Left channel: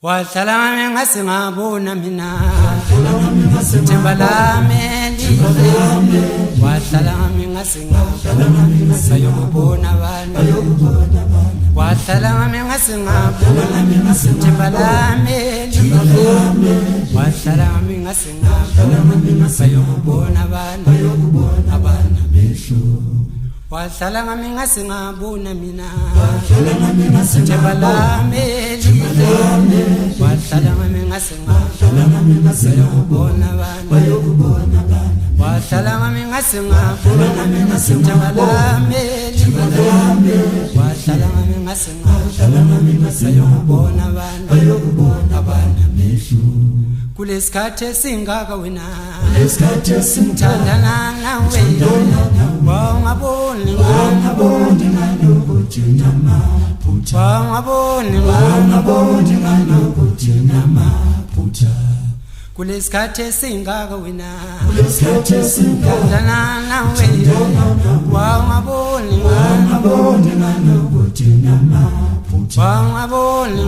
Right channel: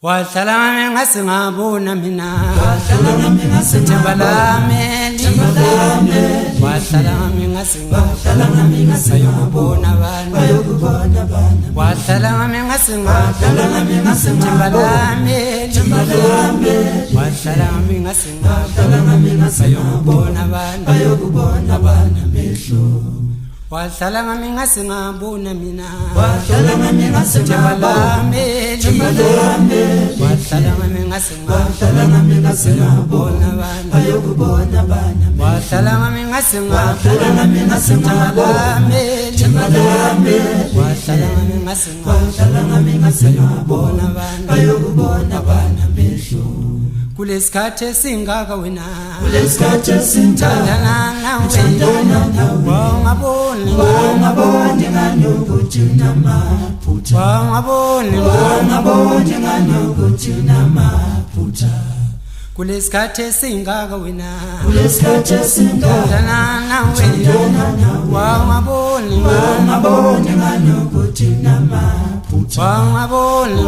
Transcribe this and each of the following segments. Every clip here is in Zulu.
Wahlala ngasingabona mina themba lami lihle wahlala ngasingabona sayokubona abantu wahlala ngasingabona themba lami lihle wahlala ngasingabona sayokubona abantu amehlo wahlala ngasingabona mina themba lami lihle wahlala ngasingabona sayokubona abantu wahlala ngasingabona themba lami lihle wahlala ngasingabona sayokubona abantu amehlo kulesikhathi esingaka wena kulesikhathi esinthandana nawe wangaboni nganokuthi namaphutha wangaboni nganokuthi namaphutha kulesikhathi esingaka wena kulesikhathi esinthandana nawe wangaboni nganokuthi namaphutha wangaboni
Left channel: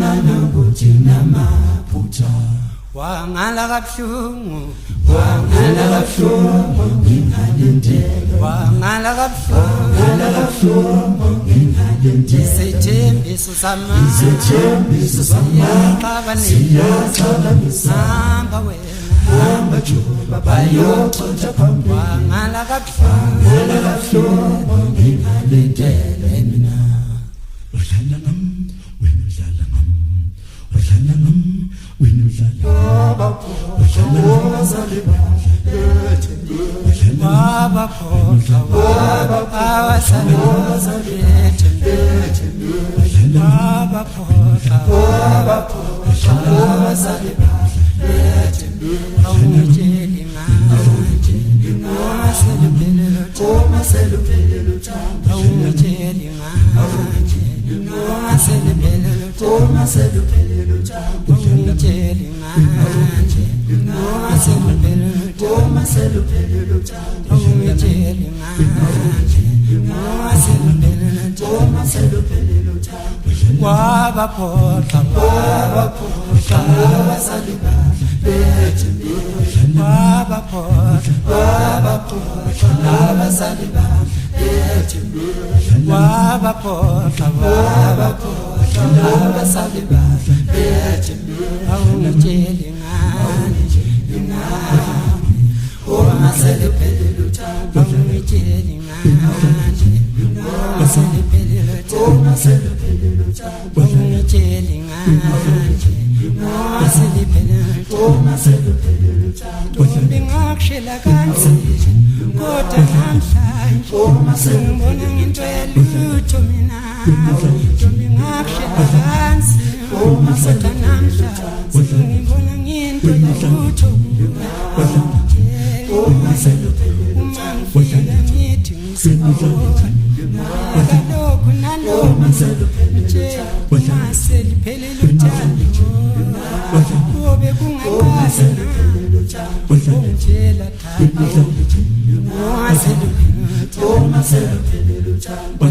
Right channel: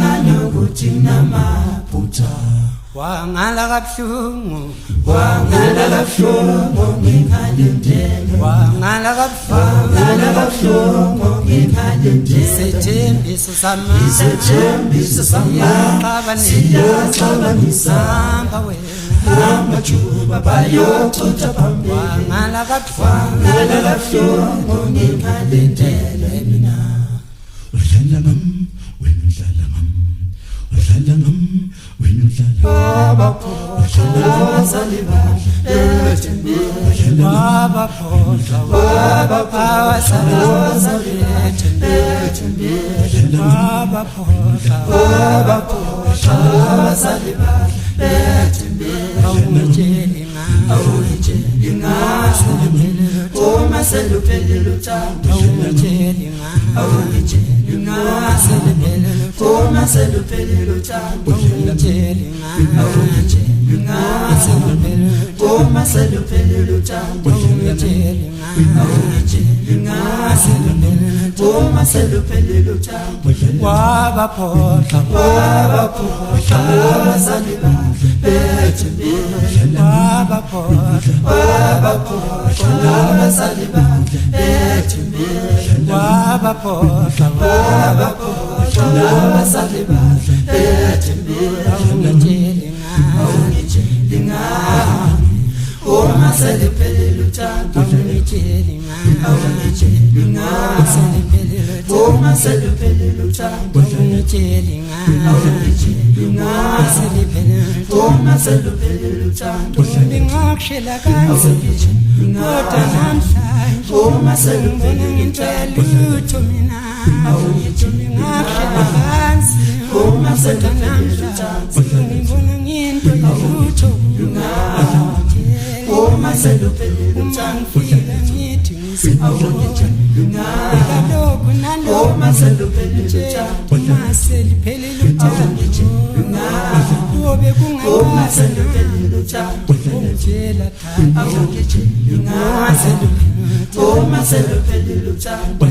nganokuthi namaphutha wangala kabuhlungu ngingalindele wangala kabuhlungu ngingalindele isethembiso siyaqabanisa hamba wena hamba juba bayochotha phambili wangala kabuhlungu ngingalindele mina udlala ngami wena udlala ngami udlala ngami wena udlala wabaphoqa ngingakshela kanzima kodwa namhlanje ngibona into yalutho mina ngingakshela kanzima kodwa namhlanje ngibona into yalutho uma ngifika ngithi ngisibona kalokhu nalokhu uma seliphelile uthando kube kungaqasa ungitshela uma seliphelile uthando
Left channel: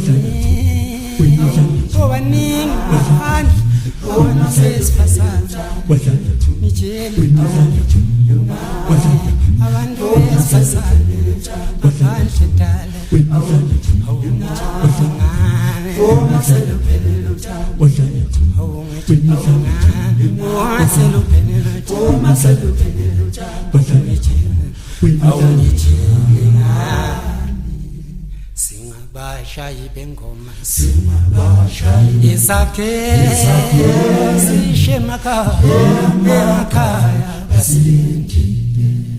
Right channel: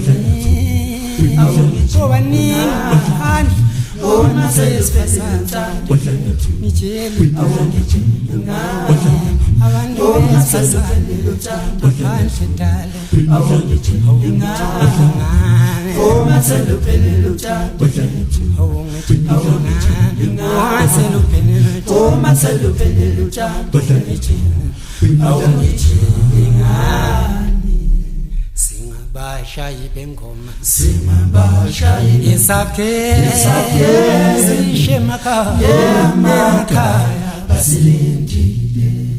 obaningi ngaphandle ona sesifazana ngitshela abantu besifazane ngaphandle dala uma seliphelile uthando singabashayi bengoma isakhe sishe emakhaya basilindile